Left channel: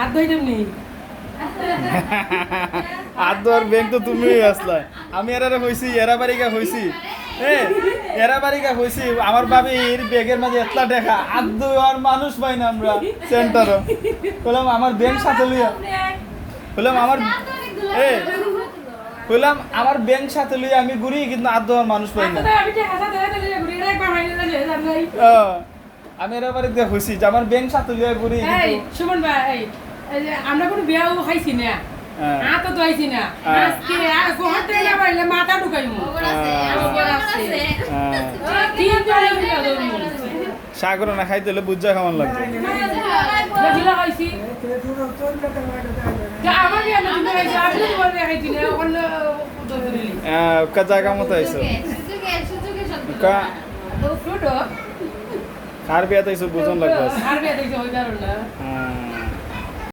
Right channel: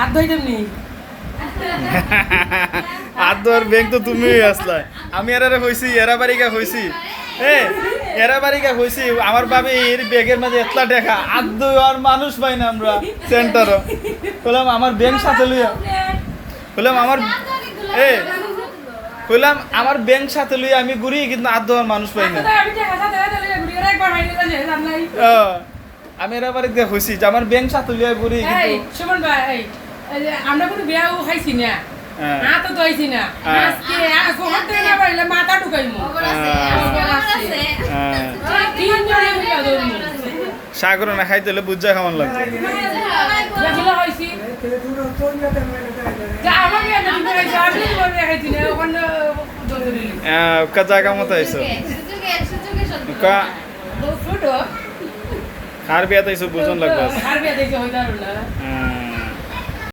আর দইতাম নি আদর ব্যাংক তো তুমিই আসলা আমি এরারে হইছি এরা বাড়িকা হইছি এরা বাড়িকা হইছি আমার বাবির ব্যাগের মাঝে এতলা দেখা আদু আর মানুষ পাই না আমরা সেন্টারও বললাম আমার ব্যাংক সাথে লইয়া বললাম আমার বললাম আমার ব্যাংক সাথে লইয়া আমি ঘুরি কিন্তু আদু আর মানুষ পাই না আমি এরা বাড়িতে হইছি যে আমার ব্যাংক সাথে লইয়া ঘুরি সুমন ভাই আমরা কোনো বিয়া খাইছি না তো দইছি না আজকে গোহর থেকে না পাইলে মাথা ঢুকাইমু সাগর না খাইতে হলে বুঝা খাওয়ান লাগবে জায়গা মতো আইসো কার বিয়াতে আইসো বুঝন লাগবে